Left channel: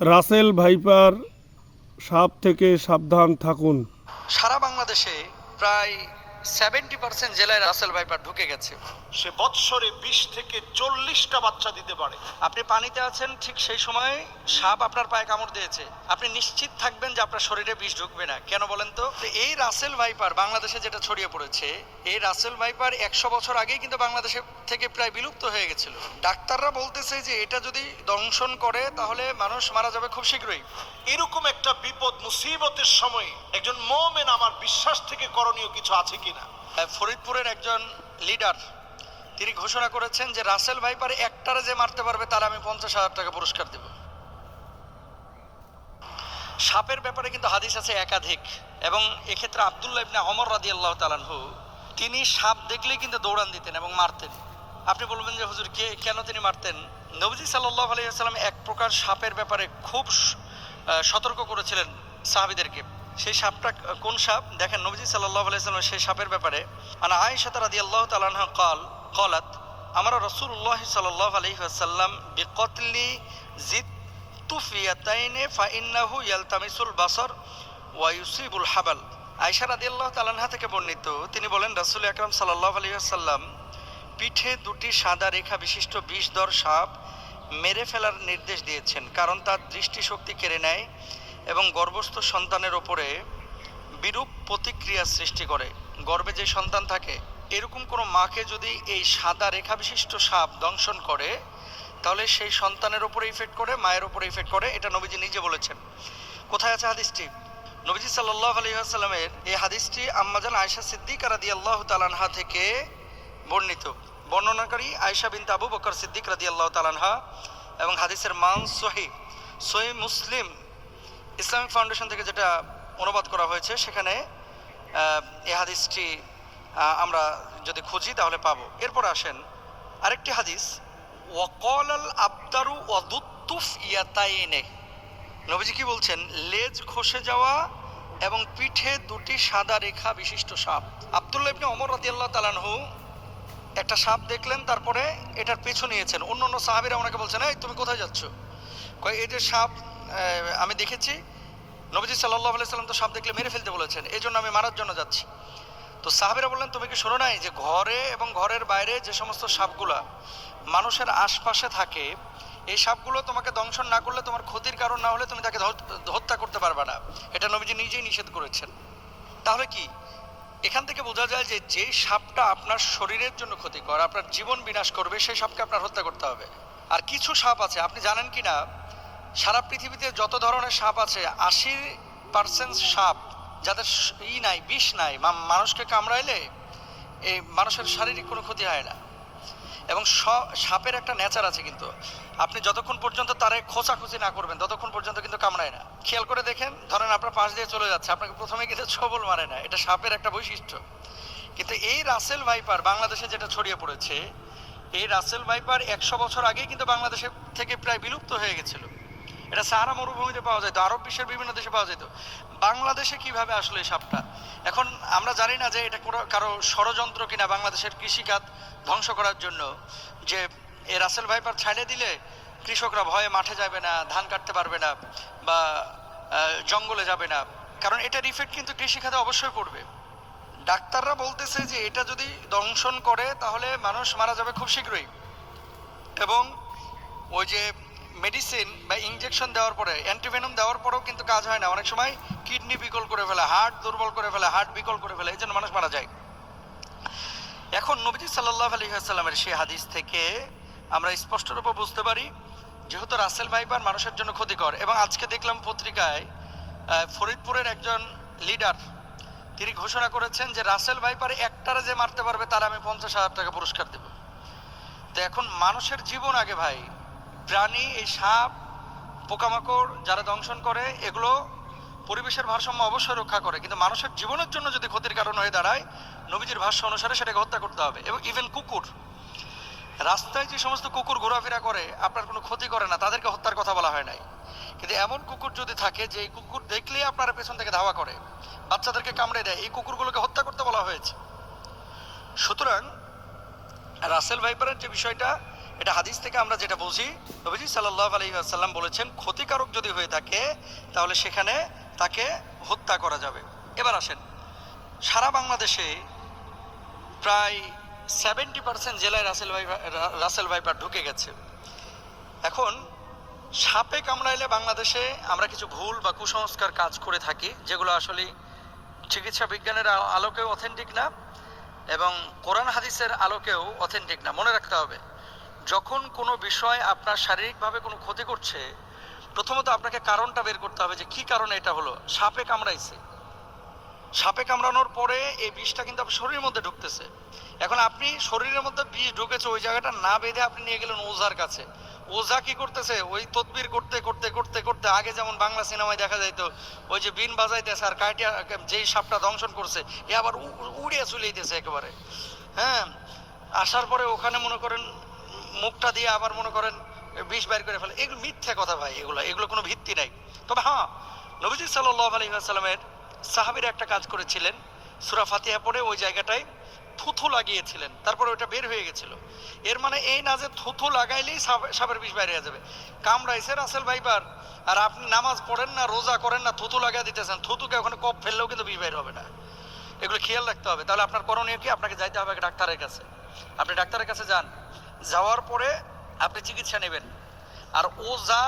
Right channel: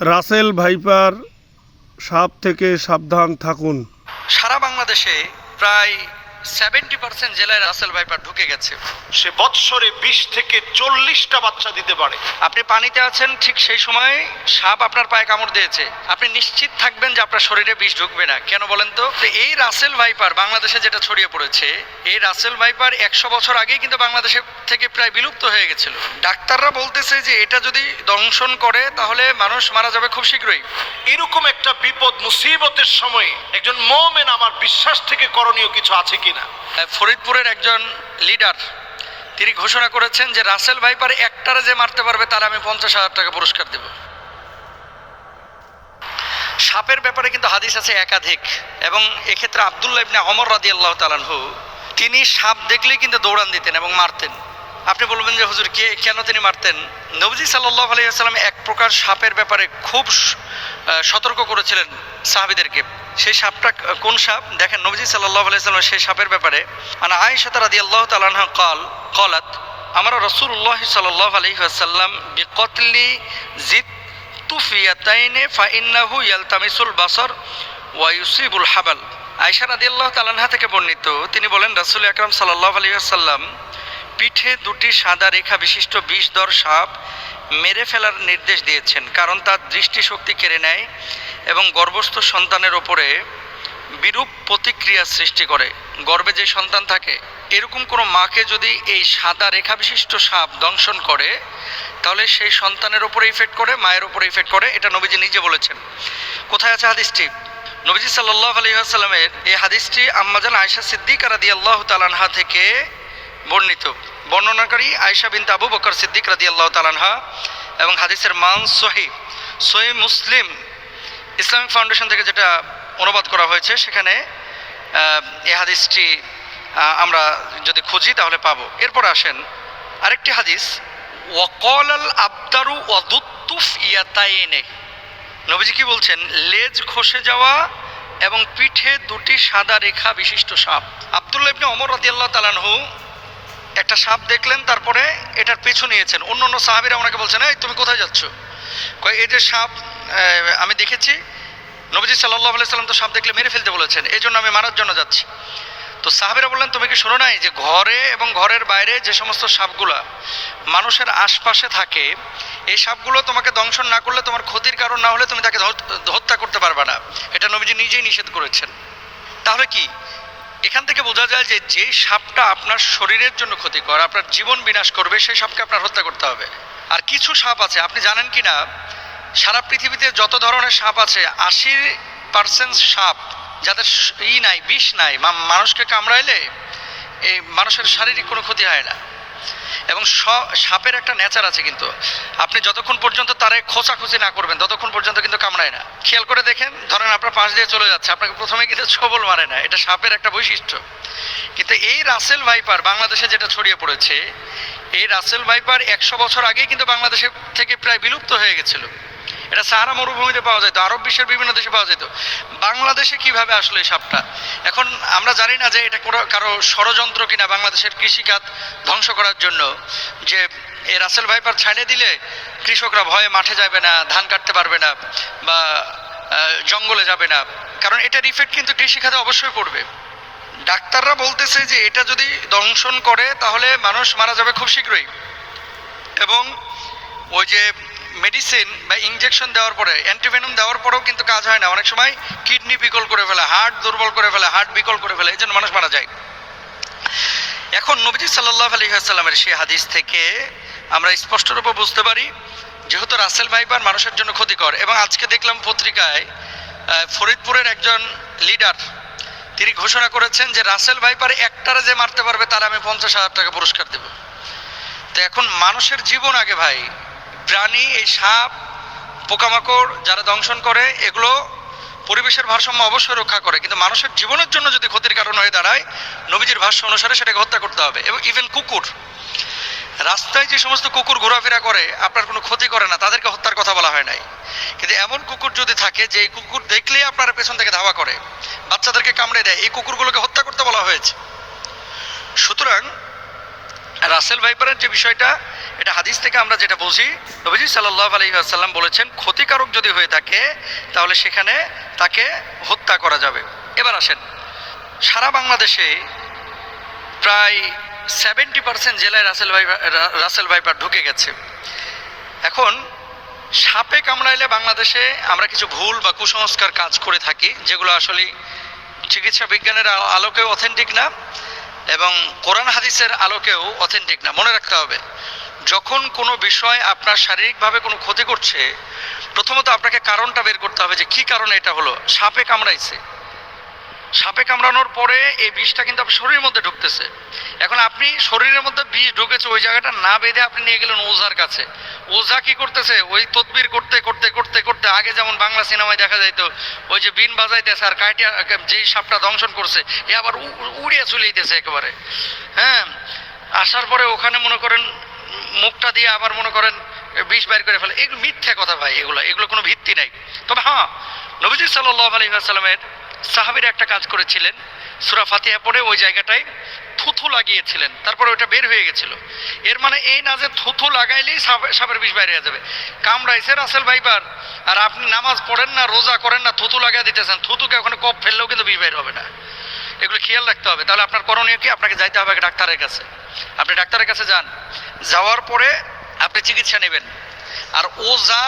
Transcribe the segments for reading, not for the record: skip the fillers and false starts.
Russell viper সাপ থেকে সাবধান থাকুন। সারা বাংলাদেশে প্রায় 70% জেলায় রাসেল ভাইপার ঢুকে গেছে। সে বৎসরে 20 থেকে 40টা বাচ্চা দিতে পারে। আপনি পানিতে আছেন, ঠিক সেই সময় সাপ আপনার পায়ে কামড় দিয়েছে, আপনি নিশ্চিত থাকবেন যে আপনার শরীরে বিষ ঢুকবে না। কেন বলেন তো? এই রাসেল ভাইপার বাংলাদেশে যেটা ছড়িয়ে পড়েছে, এই রাসেল ভাইপার 100 বছর আগেই কিন্তু বাংলাদেশে থেকে প্রায় বিলুপ্ত হয়ে গেছিল। ডাক্তাররা বলতেছে যে এটা যদি দংশন করে তাহলে মানুষ মারা যাবে খুব শীঘ্রই। এরকম একটা বিপদ মুসিবতের সময় একজন মুমিন আমার বিশ্বাস থেকে করণীয় কিছু আছে কিনা? ফরিদপুরের একজন লিডার তিনি ঘোষণা করেছেন যে রাসেল ভাইপার একটারে যে মারতে পারবে তার আমি 50,000 টাকা পুরস্কার দেব। সাপের ব্যাপারে কিন্তু হাদিস আছে একাধিক, এবং এক্ষেত্রে আব্দুল্লাহ ইবনে ওমর রাদিয়াল্লাহু তাআলা আনহু তিনি সাপ দেখলেই কিন্তু দৌড়ান দিতেন এবং মারতেন। আপনি বলবেন যে হুজুর কেন তিনি মারতেন? নবীজি সাল্লাল্লাহু আলাইহি ওয়াসাল্লাম এক প্রকার সাপের ব্যাপারে খুব সতর্ক করেছিলেন সাহাবীদেরকে। সেই সাপটা কোন সাপ? দেখেন নবীজি সাল্লাল্লাহু আলাইহি ওয়াসাল্লাম সেই সাপের ব্যাপারে আনা আয়েশা রাদিয়াল্লাহু তাআলা আনহা قالت আমরা রাসূলুল্লাহ সাল্লাল্লাহু আলাইহি ওয়াসাল্লাম বিকতলি জিত তুফিয়াতাইনে ফাইন্নাহু ইয়ালতামিসুল বাসার ওয়া ইউসিবুল হাবাল। আয়েশা রাদিয়াল্লাহু তাআলা আনহা থেকে বর্ণিত, তিনি বলেন রাসূল আকরাম সাল্লাল্লাহু আলাইহি ওয়াসাল্লাম পিঠে দুটি সাদা রেখা বিশিষ্ট বিষধর সাপ মেরে ফেলার নির্দেশ দিয়েছেন, কারণ তার দৃষ্টিশক্তি কেড়ে নেয় এবং গর্ভস্থ সন্তানের ওপরে বিরূপ প্রতিক্রিয়া সৃষ্টি করে। গর্ভে যে সন্তান থাকে এরকম কোনো মাকে যদি এই সাদা রেখা বিশিষ্ট সাপ দংশন করে তাহলে সেই সন্তানের উপরে ইফেক্ট করে, মায়ের উপরে ইফেক্ট করে। এটা নবীজি নিজে বলেছেন। কোথায় আছে হাদিসটি? নবীজি সাল্লাল্লাহু আলাইহি ওয়াসাল্লামের এই হাদিসটি আম্মাজান আয়েশা সিদ্দিকা রাদিয়াল্লাহু তাআলা আনহা থেকে বর্ণিত। বর্ণনাকারী আয়েশা বিনতে আবু বকর সিদ্দিক রাদিয়াল্লাহু তাআলা আনহা, এবং হাদিসের মান সহিহ মুসলিম ইসলামিক ফাউন্ডেশন থেকে যেটা অনুবাদ করা হয়েছে সেখানে এই হাদিসটি আমরা যদি খুঁজি তাহলে পাবো। এরপর আসেন আরেকটি হাদিস, ওয়াকালাল আবদারু ওয়াদুত্তুফ ইয়াতাইনে। নবীজি কি বলছেন? লেজ খসে যাওয়া এবং পিঠে দুটি সাদা রেখা বিশিষ্ট সাপ। আব্দুল্লাহ ইবনে ওমর রাদিয়াল্লাহু তাআলা আনহু একটা সাপ দেখলেন, তারপরে এটার পিছু নিয়েছেন। অন্য সাহাবীরা ওনাকে বলছেন, এই তুমি কোথায় যাচ্ছ? কয় এই যে সাপ আমি দেখেছি, নবীজি সাল্লাল্লাহু আলাইহি ওয়াসাল্লাম তো সাপ দেখলে মেরে ফেলতে বলেছেন, এই জন্য আমি মারার জন্য যাচ্ছি। তো সাহাবীরা বললেন, তুমি কি শোনো নাই যে ঘরে এবং ঘরের বাইরে যে সমস্ত সাপগুলা মানুষের আশপাশে থাকে, এই সাপগুলো তোমাকে দংশন না করলে, তোমার ক্ষতির কারণ না হলে তুমি তাকে হত্যা করতে পারবে না। এটা নবীজি নিজেই নিষেধ করেছেন। তাহলে কি এখান থেকে বোঝা যায় যে যে সাপটা আপনার শরীরের জন্য ক্ষতিকর, আপনার জীবন বিনাশ করবে, সেই সাপকে আপনার হত্যা করতে হবে। আর কিছু সাপ আছে, আপনি জানেন কি না, সারা পৃথিবীতে যত ধরনের সাপ আছে 80% সাপ যাদের নাই, বিষ নাই, মানুষকে কামড়াইলে এই মানুষের শারীরিক কোনো ক্ষতি হয় না। এবং সাপের একটা নেচার আছে, কিন্তু আপনি যতক্ষণ পর্যন্ত তারে খোঁচাখুচি না করবেন ততক্ষণ পর্যন্ত কিন্তু কামড়ায় না। খেয়াল করে দেখেন, ধরেন আপনার পাশ দিয়ে চলে যাচ্ছে, আপনাকে প্রথমে কিন্তু ছবল মারে না, এটা সাপের একটা বৈশিষ্ট্য। কিন্তু এই রাসেল ভাইপার বাংলাদেশে যেটা ছড়িয়ে পড়েছে, এই রাসেল ভাইপার 100 বছর আগেই কিন্তু বাংলাদেশে থেকে প্রায় বিলুপ্ত হয়ে গেছিল। এটা সাহারা মরুভূমিতে পাওয়া যেত, আরব বিশ্বের বিভিন্ন দেশে পাওয়া যেত। বাংলাদেশে কিভাবে আসলো এই সাপটা? এখন আমরা জানি না যে এটা কারো ষড়যন্ত্র কিনা বাংলাদেশের কৃষিখাত ধ্বংস করার জন্য, যে এই রাসেল ভাইপার ছাড়ে দিলে কৃষকরা ভয়ে মাঠে যাবে না, ধান কাটতে পারবে না, বা জঙ্গলে যাবে না, কারণ এটার ইফেক্ট কিন্তু কৃষিখাতে অবশ্যই পড়বে। ডাক্তাররা বলতেছে যে এটা যদি দংশন করে তাহলে মানুষ মারা যাবে খুব শীঘ্রই। এবং ওই যে মেডিসিন বা ইনজেকশন দেওয়ার পরে, অ্যান্টিভেনম দেওয়ার পরেও কিন্তু কাজ হয় না। অনেক সময় কিডনি বিকল করে ফেলে, হার্ট দুর্বল করে ফেলে, হার্ট বিকল করে ফেলে, এই জন্য মানুষ মারা যায়। এখন নবীজি সাল্লাল্লাহু আলাইহি ওয়াসাল্লামের সেই হাদিস থেকে আমরা স্পষ্টরূপে বুঝতে পারি যেহেতু রাসেল ভাইপার মানুষের জন্য ক্ষতিকর। এবং আজকে দেখলাম পত্রিকায় ফরিদপুরের একজন লিডার তিনি ঘোষণা করেছেন যে রাসেল ভাইপার একটারে যে মারতে পারবে তার আমি 50,000 টাকা পুরস্কার দেব। তো এখন মানুষের জীবন আগে ভাই। প্রাণী, এই সাপ, পোকামাকড় যারা দংশন করে এগুলো পরিবেশের ভারসাম্য অবশ্যই রক্ষা করে, কিন্তু মানুষের জীবনের জন্য যদি ক্ষতির কারণ হয়ে দাঁড়ায়, নবীজির ভাষ্য অনুসারে সেটাকে হত্যা করতে হবে। এবং ইভেন কুকুর, রাস্তায় যে সমস্ত কুকুর ঘোরাফেরা করে আপনার কোনো ক্ষতি করে না, তাদেরকে হত্যার কথা বলা হয় নাই। কিন্তু এমন কুকুর যদি থাকে যে এই কুকুর দেখলেই আপনার পেছন থেকে ধাওয়া করে, বাচ্চাদেরকে কামড়ে দেয়, এই কুকুরগুলোকে হত্যা করতে বলা হয়েছে। সুতরাং রাসেল ভাইপারের যে বিষয়টা, এটা হাদিস থেকে আমরা যেটা বুঝি, নবীজি সাল্লাল্লাহু আলাইহি ওয়াসাল্লাম বলেছেন ক্ষতিকারক যদি হয়ে থাকে তাহলে সেখানে তাকে হত্যা করা যাবে। এবার আসেন, সারা বাংলাদেশে প্রায় 70% জেলায় রাসেল ভাইপার ঢুকে গেছে। এখন সাপে কামড়াইলে বাংলাদেশে আমরা কিছু ভুল বা কুসংস্কার কাজ করে থাকি, যেগুলো আসলে চিকিৎসা বিজ্ঞানের আলোকেও অথেন্টিক না এবং কোরআন হাদিসের আলোকেও অথেন্টিক না। মনে রাখতে হবে, যখন কোনো বিষয় আপনার শারীরিকভাবে কোনো ক্ষতি করছে, প্রথমত আপনাকে কারণটা বের করতে হবে যে কি কারণে এটা হলো। সাপে কামড়াইছে, সাপে কামড়ানোর পরে এই বিষটা কিন্তু আপনার শরীরের মধ্যে ঢুকতেছে। এখন আপনি শরীরের মধ্যে বিষ ঢুকেছে, ওই জায়গাটা না বেঁধে আপনি নিয়ে গেলেন ওঝার কাছে। ওঝা কি করতেছে, ওই তদবির করতে করতে করতে করতে, আগে যেমন বাংলা সিনেমায় দেখা যাইতো ওই যে বিন বাজাইতেছে আর কাইটিয়া যেই সাপটা দংশন করছে এ আবার উড়িয়ে চলে যেতেছে একেবারে। হ্যাঁ, আসার পরে ওখানে মনে করেন মুখটা দিয়ে আবার মনে করেন বিষ বাইর করে ফেলে। এগুলো মিথ্যা কথা ভাই, এগুলো কোনো ভিত্তি নাই। তবে হ্যাঁ, নবীজি সাল্লাল্লাহু আলাইহি ওয়াসাল্লামের সাহাবীরা একটা কাজ করেছিলেন, সূরা ফাতিহা পড়ে ওই জায়গাটায় থুথু লাগিয়েছিলেন, তারপরে ওটা বের হয়ে গেছিল। এর মানে এই না যে থুথু লাগাইলেই সাপের বিষ বাইরে হয়ে যাবে। কামড়াইছে রাসেল ভাইপার আর আপনি নামাজ পড়েন না, রোজা করেন না, থুথু লাগাই দিতেছেন, থুতুকে ওখানে কপ ফেললেও কিন্তু বিষ বাইর হবে না। এগুলো খেয়াল রাখতে হবে। তাহলে আপনার করণীয় কি? আপনাকে যাইতে হবে ডাক্তারের কাছে। আপনি ডাক্তারের কাছে যান, যাওয়ার পরে আপনি চিকিৎসা নেবেন। আর ওঝা,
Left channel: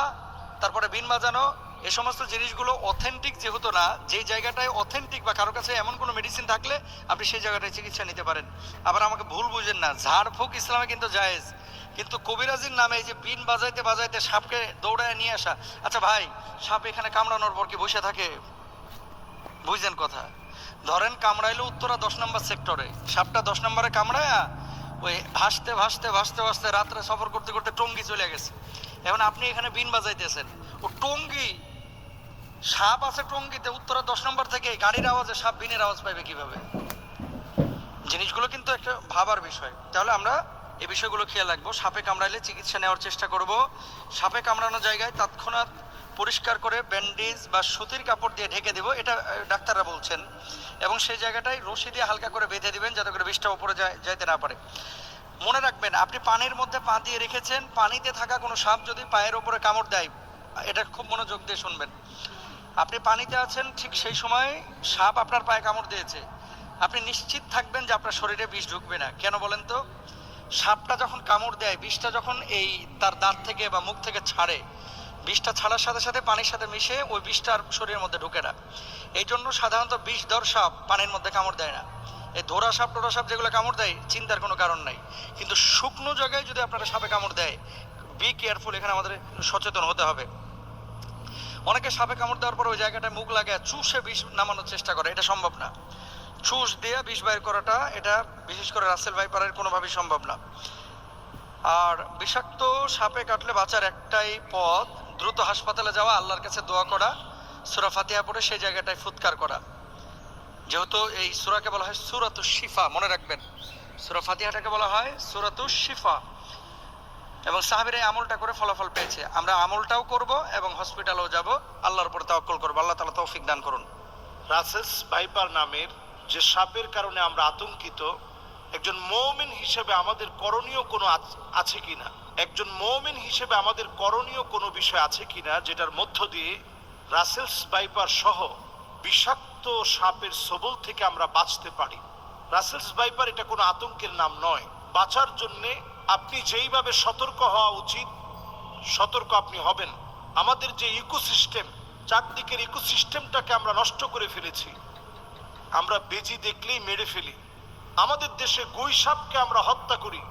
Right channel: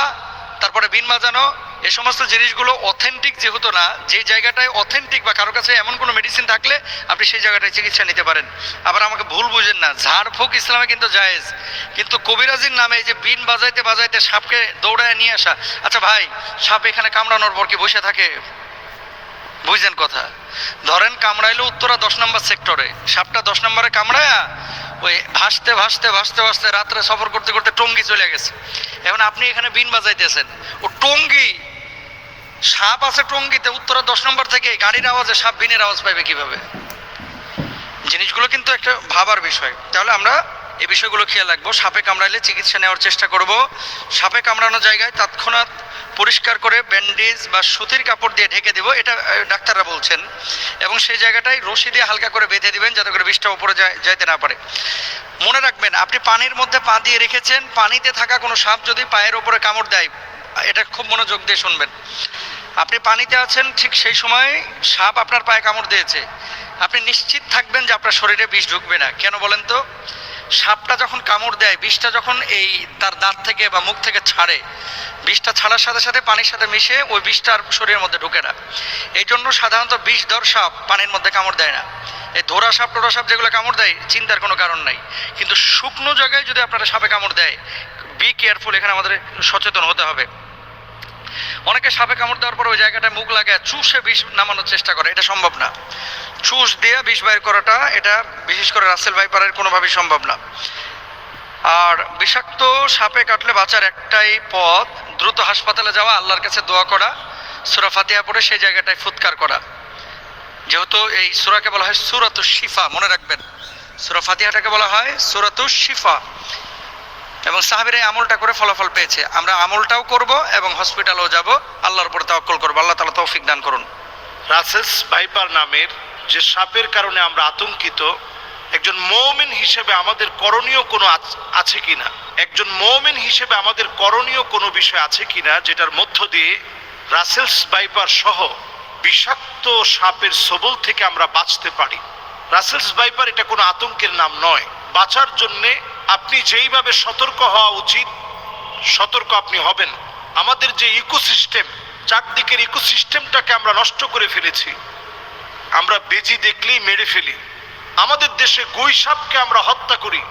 তারপরে বিন বাজানো, এই সমস্ত জিনিসগুলো অথেন্টিক যেহেতু না, যে জায়গাটায় অথেন্টিক বা কারো কাছে এমন কোনো মেডিসিন থাকলে আপনি সেই জায়গাটায় চিকিৎসা নিতে পারেন। আবার আমাকে ভুল বুঝেন না, ঝাড়ফুঁক ইসলামে কিন্তু জায়েজ, কিন্তু কবিরাজির নামে এই যে বিন বাজাইতে বাজাইতে সাপকে দৌড়ায় নিয়ে আসা। আচ্ছা ভাই, সাপ এখানে কামড়ানোর পর কি বসে থাকে? বুঝছেন কথা? ধরেন কামড়াইলো উত্তরা 10 নম্বর সেক্টরে, সাপটা 10 নম্বরে কামড়ায়া ওই ভাসতে ভাসতে ভাসতে ভাসতে রাত্রে সফর করতে করতে টঙ্গী চলে গেছে। এখন আপনি এখানে বিন বাজাইতেছেন, ও টঙ্গী, সাপ আছে টঙ্গীতে, উত্তরা 10 নম্বর থেকে গাড়ির আওয়াজে সাপ বিনের আওয়াজ পাইবে কিভাবে? জিনিসগুলো কিন্তু একটা ভাবার বিষয়। তাহলে আমরা এই বিষয়গুলো খেয়াল রাখবো। সাপে কামড়াইলে চিকিৎসা নেওয়ার চেষ্টা করব। সাপে কামড়ানো জায়গায় তৎক্ষণাৎ পরিষ্কার করে ব্যান্ডেজ বা সুতির কাপড় দিয়ে ঢেকে দিব, এটা ডাক্তাররা বলছেন। এবং সেই জায়গাটায় রশি দিয়ে হালকা করে বেঁধে দিবেন যাতে করে বিষটা উপরে যাইতে না পারে। মনে রাখবেন, আপনি পানির মধ্যে পা দিয়ে রেখেছেন, পানিতে থাকা কোনো সাপ যদি পায়ের উপরে কামড় দেয়, এটা খুব মনোযোগ দিয়ে শুনবেন। আপনি পানিতে আছেন, ঠিক সেই সময় সাপ আপনার পায়ে কামড় দিয়েছে, আপনি নিশ্চিত থাকবেন যে আপনার শরীরে বিষ ঢুকবে না। কেন বলেন তো? সাপটা যখন কামড় দেয়, বিষটা যখন এই তার দাঁত থেকে বা মুখ থেকে ছাড়ে, বিষটা ছাড়ার সাথে সাথে পানির সাথে মিশে ওই বিষটা আর শরীরের মধ্যে ঢুকে না। এই জন্য সাধারণত বিষধর সাপ পানির মধ্যে কামড় দেয় না। এই ধরা সাপ টোরা সাপ যেগুলো কামড় দেয়, চিন্তার কোনো কারণ নাই। কিন্তু শুকনো জায়গায় যদি আপনারা সাপে কামড় দেয়, বি কেয়ারফুল, এখানে আমাদের সচেতন হতে হবে। অনেকে সাপে কামড় দেওয়ার পর ওই জায়গাটায় মুখ লাগায় চুষে বিষ নামানোর চেষ্টা করে, এটা সম্ভব না। চুষ দিয়ে বিষ বাইর করাটা, এটা বিশেষ করে রাসেল ভাইপারের কোনোভাবেই সম্ভব না। আর বিষাক্ত সাপে কাটলে বাঁচার একটাই পথ, দ্রুত হাসপাতালে যাওয়া, আল্লাহর কাছে দোয়া করা, সূরা ফাতিহা পড়ে সেই জায়গাটায় ফুৎকার করা। যেহেতু এই সূরাকে বলা হয় সূরাতুশ শিফা, মনে রাখবেন, সূরা ফাতিহাটাকে বলা হয় সূরাতুশ শিফা। এবং সাহাবীরা এই আমলটা করে ফলাফল পেয়েছে। আমরা আমলটাও করব এবং হসপিটালেও যাব, আল্লাহর উপর তাওয়াক্কুল করব। আল্লাহ তাআলা তৌফিক দান করুন। রাসেলস ভাইপার নামের যে সাপের কারণে আমরা আতঙ্কিত, একজন মুমিন হিসেবে আমাদের করণীয় কোনো আছে কিনা, একজন মুমিন হিসেবে আমাদের করণীয় কোনো বিষয় আছে কিনা, যেটার মধ্য দিয়ে রাসেলস ভাইপার সহ বিষাক্ত সাপের ছোবল থেকে আমরা বাঁচতে পারি। রাসেলস ভাইপার এটা কোনো আতঙ্কের নাম নয়। বাঁচার জন্যে আপনি যেইভাবে সতর্ক হওয়া উচিত, সতর্ক আপনি হবেন। আমাদের যে ইকোসিস্টেম, চারদিকের ইকোসিস্টেমটাকে আমরা নষ্ট করে ফেলেছি। আমরা বেজি দেখলেই মেরে ফেলি। আমাদের দেশে গুই সাপকে আমরা হত্যা করি।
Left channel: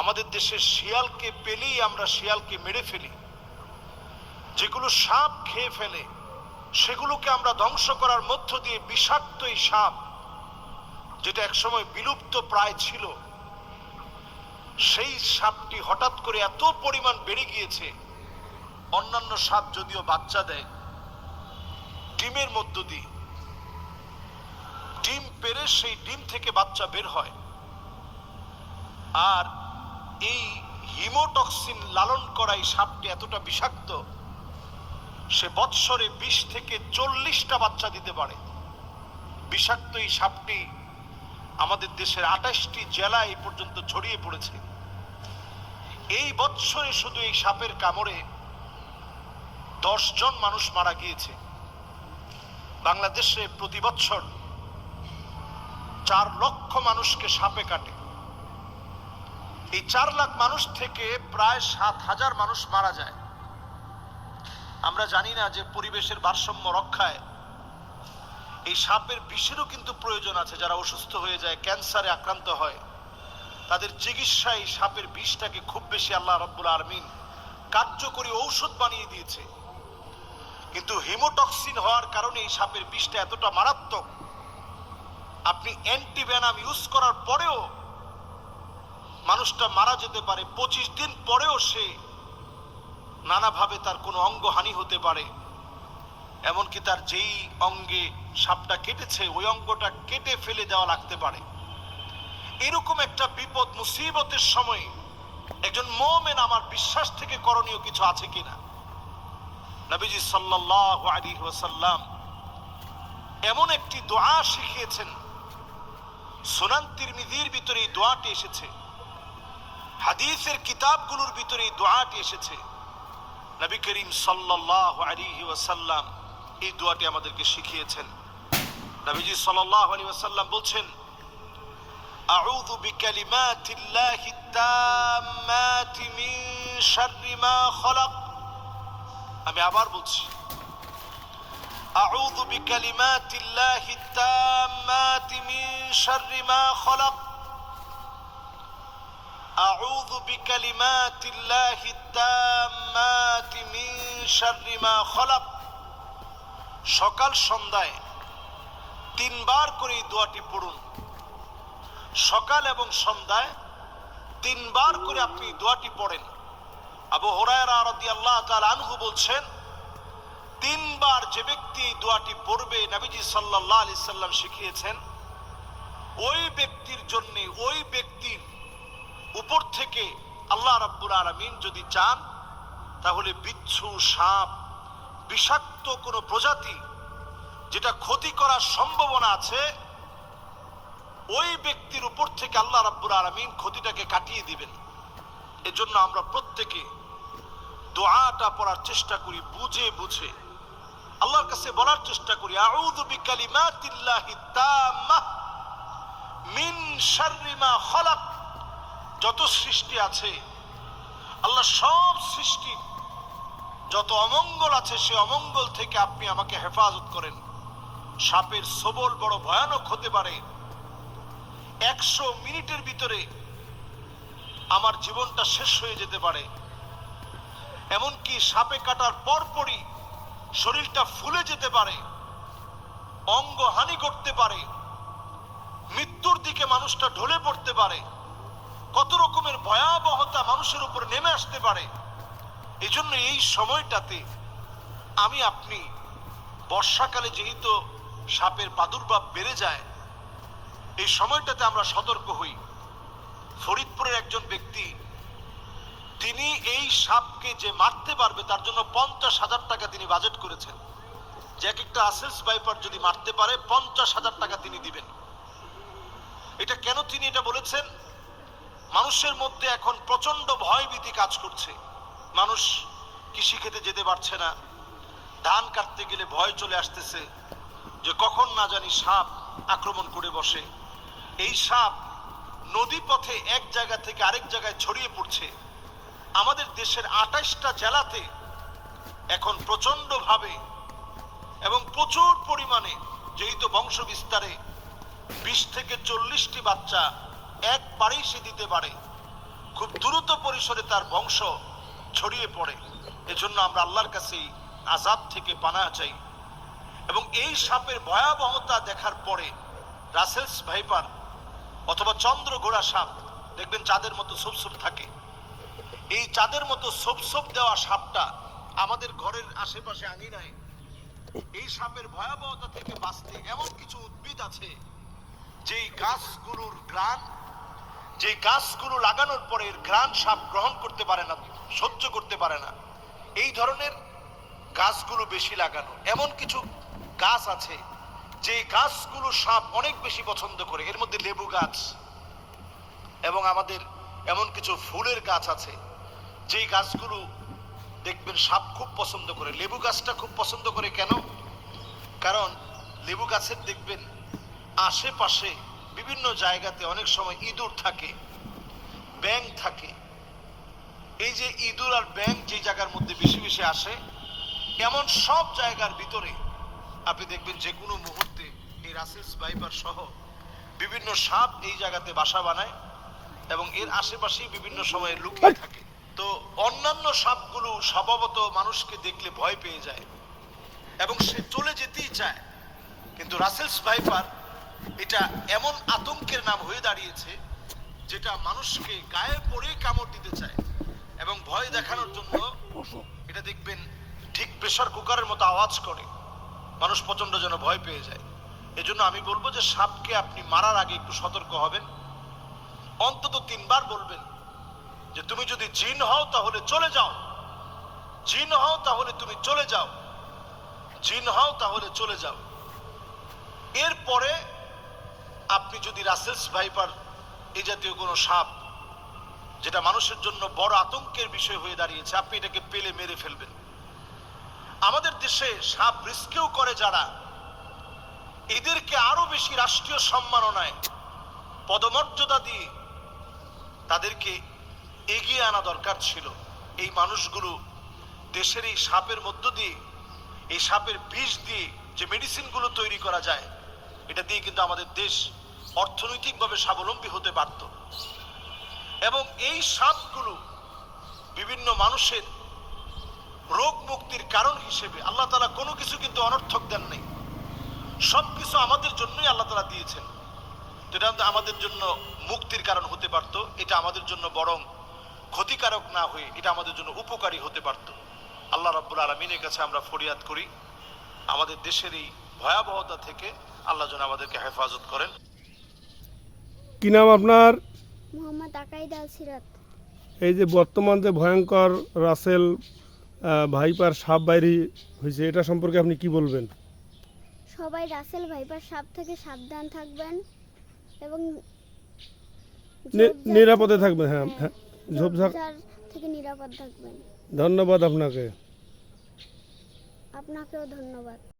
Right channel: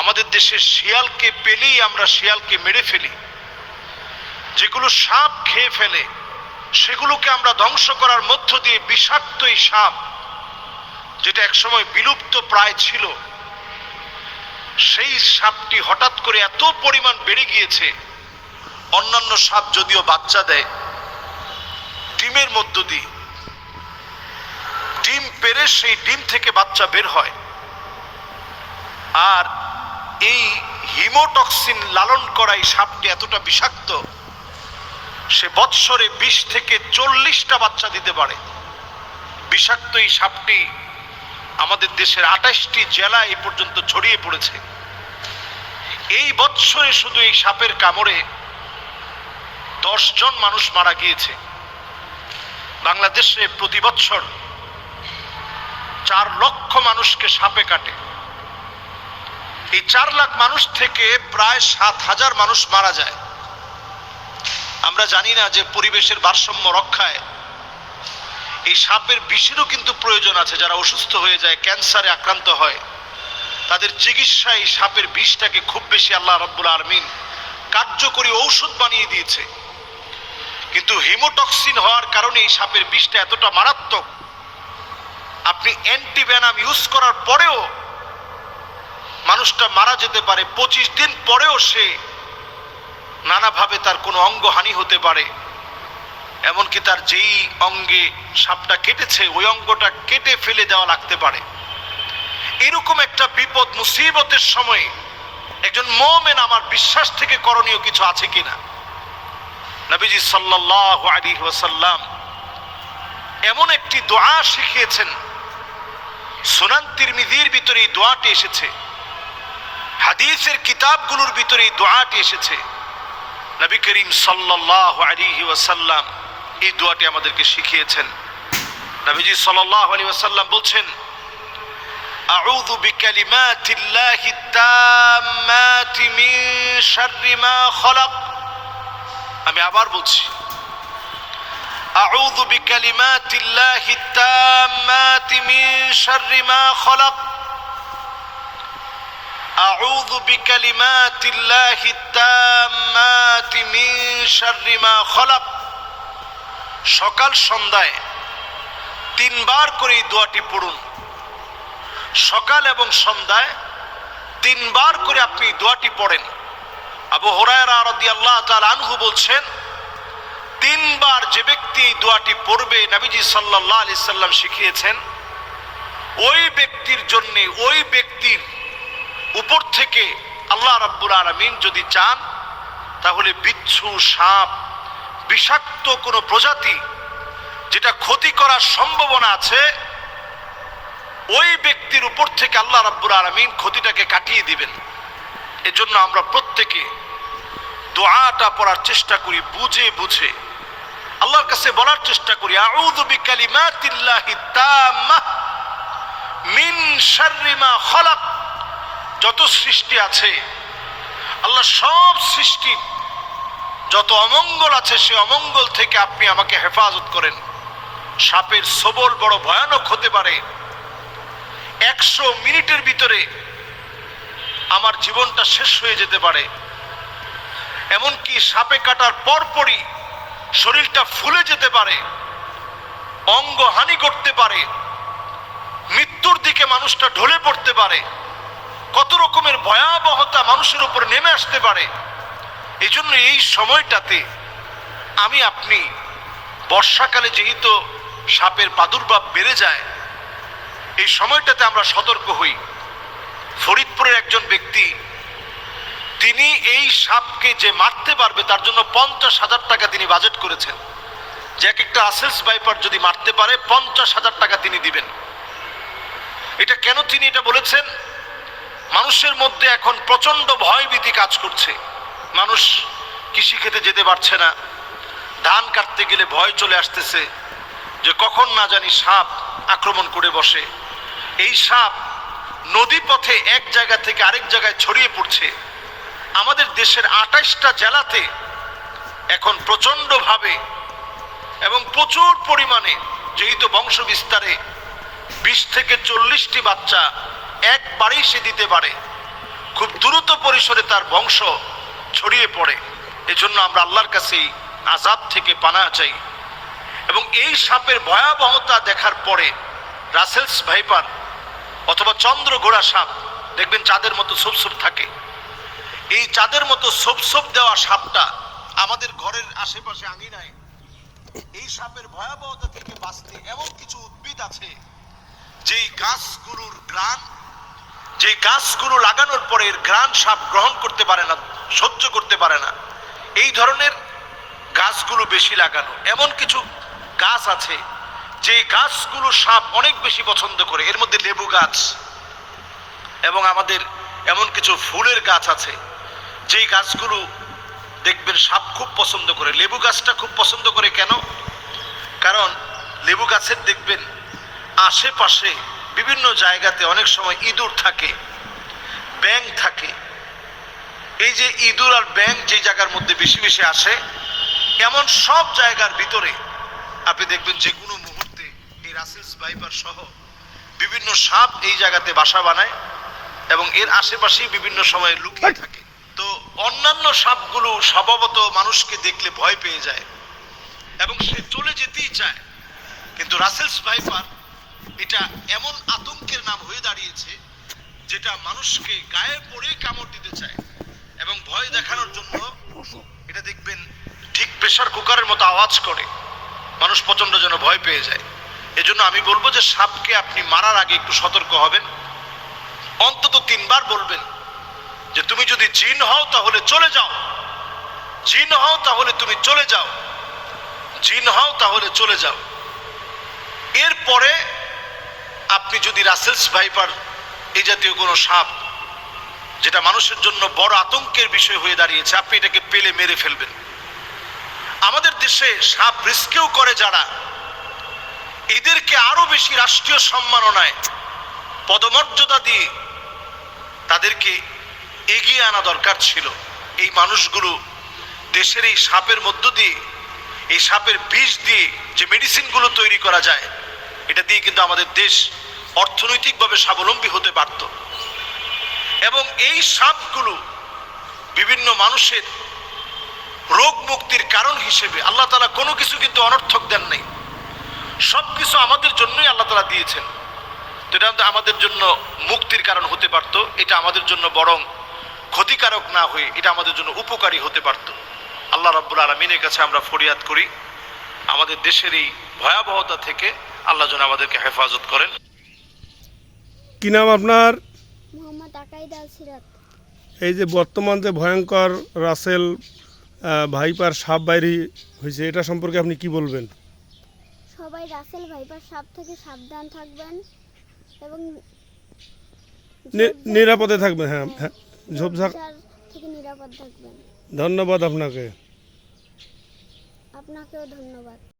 আমাদের দেশে শিয়ালকে পেলেই আমরা শিয়ালকে মেরে ফেলি। যেগুলো সাপ খেয়ে ফেলে সেগুলোকে আমরা ধ্বংস করার মধ্য দিয়ে বিষাক্ত এই সাপ, যেটা একসময় বিলুপ্ত প্রায় ছিল, সেই সাপটি হঠাৎ করে এত পরিমাণ বেড়ে গিয়েছে। অন্যান্য সাপ যদিও বাচ্চা দেয় ডিমের মধ্য দিয়ে, ডিম পেড়ে সেই ডিম থেকে বাচ্চা বের হয়। আর এই হিমোটক্সিন লালন করা এই সাপটি এতটা বিষাক্ত, সে বৎসরে 20 থেকে 40টা বাচ্চা দিতে পারে। বিষাক্ত এই সাপটি আমাদের দেশের 28টি জেলা এই পর্যন্ত ছড়িয়ে পড়েছে। এই বৎসরে শুধু এই সাপের কামড়ে 10 জন মানুষ মারা গিয়েছে। বাংলাদেশে প্রতি বছর 4 লক্ষ মানুষকে সাপে কাটে। এই 4 লাখ মানুষ থেকে প্রায় 7,000 মানুষ মারা যায়। আমরা জানি না যে পরিবেশের ভারসাম্য রক্ষায় এই সাপের বিষেরও কিন্তু প্রয়োজন আছে। যারা অসুস্থ হয়ে যায়, ক্যান্সারে আক্রান্ত হয়, তাদের চিকিৎসায় এই সাপের বিষটাকে খুব বেশি আল্লাহ রাব্বুল আলামিন কার্যকরী ঔষধ বানিয়ে দিয়েছে। কিন্তু হিমোটক্সিন হওয়ার কারণে এই সাপের বিষটা এতটা মারাত্মক, আপনি অ্যান্টিভেনাম ইউজ করার পরেও মানুষটা মারা যেতে পারে। 25 দিন পরেও সে নানাভাবে তার কোনো অঙ্গহানি হতে পারে। এমনকি তার যেই অঙ্গে সাপটা কেটেছে ওই অঙ্গটা কেটে ফেলে দেওয়া লাগতে পারে। এরকম একটা বিপদ মুসিবতের সময় একজন মুমিন আমার বিশ্বাস থেকে করণীয় কিছু আছে কিনা? নবীজি সাল্লাল্লাহু আলাইহি ওয়াসাল্লাম এমন একটি দোয়া শিখিয়েছেন, সুনান তিরমিজির ভিতরে এই দোয়াটি এসেছে, হাদিসের কিতাবগুলোর ভিতরে এই দোয়াটি এসেছে। নবী করিম সাল্লাল্লাহু আলাইহি ওয়াসাল্লাম এই দোয়াটি আমাদেরকে শিখিয়েছেন। নবীজি সাল্লাল্লাহু আলাইহি ওয়াসাল্লাম বলছেন, আউযু বিকালিমাতিল্লাহি তাম্মাতি মিন শাররি মা খালাক। আমি আবার বলছি, আউযু বিকালিমাতিল্লাহি তাম্মাতি মিন শাররি মা খালাক। আউযু বিকালিমাতিল্লাহি তাম্মাতি মিন শাররি মা খালাক। সকাল সন্ধ্যায় 3 বার করে এই দোয়াটি পড়ুন। সকাল এবং সন্ধ্যায় 3 বার করে আপনি দোয়াটি পড়েন। আবু হুরায়রা রাদিয়াল্লাহু তাআলা আনহু বলছেন, 3 বার যে ব্যক্তি এই দোয়াটি পড়বে, নবীজি সাল্লাল্লাহু আলাইহি সাল্লাম শিখিয়েছেন, ওই ব্যক্তির জন্য, ওই ব্যক্তির উপর থেকে আল্লাহ রাব্বুল আলামিন যদি চান তাহলে বিচ্ছু, সাপ, বিষাক্ত কোনো প্রজাতি যেটা ক্ষতি করার সম্ভাবনা আছে, ওই ব্যক্তির উপর থেকে আল্লাহ রাব্বুল আলামিন ক্ষতিটাকে কাটিয়ে দিবেন। এজন্য আমরা প্রত্যেকে দোয়াটা পড়ার চেষ্টা করি, বুঝে বুঝে আল্লাহর কাছে বলার চেষ্টা করি, আউযু বিকালিমাতিল্লাহি তাম্মাহ মিন শাররি মা খালাক। যত সৃষ্টি আছে, আল্লাহ সব সৃষ্টি যত অমঙ্গল আছে, সে অমঙ্গল থেকে আপনি আমাকে হেফাজত করেন। সাপের ছোবল বড় ভয়ানক হতে পারে। 100 মিনিটের ভিতরে আমার জীবনটা শেষ হয়ে যেতে পারে। এমনকি সাপে কাটার পরপরই শরীরটা ফুলে যেতে পারে, অঙ্গহানি করতে পারে, মৃত্যুর দিকে মানুষটা ঢলে পড়তে পারে। কত রকমের ভয়াবহতা মানুষের উপর নেমে আসতে পারে। এই জন্য এই সময়টাতে আমি আপনি, বর্ষাকালে যেহেতু সাপের প্রাদুর্ভাব বেড়ে যায়, এই সময়টাতে আমরা সতর্ক হই। ফরিদপুরের একজন ব্যক্তি, তিনি এই সাপকে যে মারতে পারবে তার জন্য 50,000 টাকা তিনি বাজেট করেছেন, যে এক একটা আসেলস ভাইপার যদি মারতে পারে 50,000 টাকা তিনি দিবেন। এটা কেন তিনি এটা বলেছেন? মানুষের মধ্যে এখন প্রচন্ড ভয়ভীতি কাজ করছে। মানুষ কৃষি খেতে যেতে পারছে না, ধান কাটতে গেলে ভয় চলে আসতেছে যে কখন না জানি সাপ আক্রমণ করে বসে। এই সাপ নদী পথে এক জায়গা থেকে আরেক জায়গায় ছড়িয়ে পড়ছে। আমাদের দেশের 28টা জেলাতে এখন প্রচন্ডভাবে এবং প্রচুর পরিমাণে, যেহেতু বংশ বিস্তারে 20 থেকে 40টি বাচ্চা একবারেই সে দিতে পারে, খুব দ্রুত পরিসরে তার বংশ ছড়িয়ে পড়ে। এজন্য আমরা আল্লাহর কাছে আযাব থেকে পানাহ চাই। এবং এই সাপের ভয়াবহতা দেখার পরে রাসেলস ভাইপার অথবা চন্দ্রঘোড়া সাপ, দেখবেন চাঁদের মতো ছোপ থাকে। এই চাঁদের মতো ছোপ দেওয়া সাপটা আমাদের ঘরের আশেপাশে আঙিনায়, এই সাপের ভয়াবহতা থেকে বাঁচতে এমন কিছু উদ্ভিদ আছে যেই গাছগুলোর ঘ্রাণ, যে গাছগুলো লাগানোর পরে এর ঘ্রাণ সাপ গ্রহণ করতে পারে না, সহ্য করতে পারে না। এই ধরনের গাছগুলো বেশি লাগানো। এমন কিছু গাছ আছে যে গাছগুলো সাপ অনেক বেশি পছন্দ করে। এর মধ্যে লেবু গাছ এবং আমাদের এমন কিছু ফুলের গাছ আছে যেই গাছগুলো দেখবেন সাপ খুব পছন্দ করে, লেবু গাছটা খুব পছন্দ করে কেন? কারণ লেবু গাছের দেখবেন আশেপাশে বিভিন্ন জায়গাতে অনেক সময় ইঁদুর থাকে, ব্যাঙ থাকে। এই যে ইঁদুর আর ব্যাঙ যে জায়গার মধ্যে বেশি বেশি আসে, এমন সব জায়গার ভিতরে আপনি দেখবেন যে কোনো মুহূর্তে এই রাসেলস ভাইপার সহ বিভিন্ন সাপ এই জায়গাতে বাসা বানায় এবং এর আশেপাশেই বিভিন্ন সময় লুকিয়ে থাকে। তো অন্যান্য সাপগুলো স্বভাবত মানুষকে দেখলে ভয় পেয়ে যায় এবং সে চলে যেতেই চায়, কিন্তু রাসেলস ভাইপার এটা এমন আতঙ্কের নাম হয়ে দাঁড়িয়েছে যেটা মানুষকে গায়ে পড়েই কামড় দিতে চায় এবং ভয় দেখানোর জন্য এটা দেখবেন ঠিক প্রেসার কুকারের মতো আওয়াজ করে, মানুষ প্রচন্ড যেন ভয় পেয়ে যায়। এজন্য আমি বলবো যে সাপকে আপনি মারার আগে একটু সতর্ক হবেন, অন্তত 3 বার বলবেন যে তুমি যদি জিন হও তাহলে চলে যাও, জিন হও তাহলে তুমি চলে যাও, জিন হও তাহলে চলে যাও। এরপরে আপনি যদি রাসেলস ভাইপার এই জাতীয় কোনো সাপ যেটা মানুষের জন্য বড় আতঙ্কের বিষয় হয়ে দাঁড়িয়েছে, আপনি এটাকে পেলে মেরে ফেলবেন। আমাদের দেশে সাপ রিস্কেও করে যারা, এদেরকে আরো বেশি রাষ্ট্রীয় সম্মাননায় পদমর্যাদা দিয়ে তাদেরকে এগিয়ে আনা দরকার ছিল। এই মানুষগুলো দেশের এই সাপের মধ্য দিয়ে, এই সাপের বিষ দিয়ে যে মেডিসিনগুলো তৈরি করা যায়, এটা দিয়ে কিন্তু আমাদের দেশ অর্থনৈতিকভাবে স্বাবলম্বী হতে পারত। এবং এই সাপগুলো বিভিন্ন মানুষের রোগ মুক্তির কারণ হিসেবে আল্লাহ তাআলা কোনো কিছু কিন্তু অনর্থক দেন নাই, সবকিছু আমাদের জন্যই আল্লাহ তাআলা দিয়েছেন। তো এটা আমাদের জন্য মুক্তির কারণ হতে পারত, এটা আমাদের জন্য বরং ক্ষতিকারক না হয়ে এটা আমাদের জন্য উপকারী হতে পারত। আল্লাহ রাব্বুল আলামিনের কাছে আমরা ফরিয়াদ করি আমাদের দেশের এই ভয়াবহতা থেকে আল্লাহ যেন আমাদেরকে হেফাজত করেন। কি নাম আপনার? মোহাম্মদ আকাইদ আল সিরাত। এই যে বর্তমান যে ভয়ঙ্কর রাসেল ভাইপার সাপ বাইরি হয়েছে, এটা সম্পর্কে আপনি কি বলবেন? সবাই রাসেল ভাইপার সাপ থেকে সাবধান থাকবেন এবং নিরাপদে থাকবেন। হ্যাঁ হ্যাঁ, ঝোপঝাড় থেকে নিরাপদ থাকবেন। ধন্যবাদ আপনাকে। আপনাকেও ধন্যবাদ।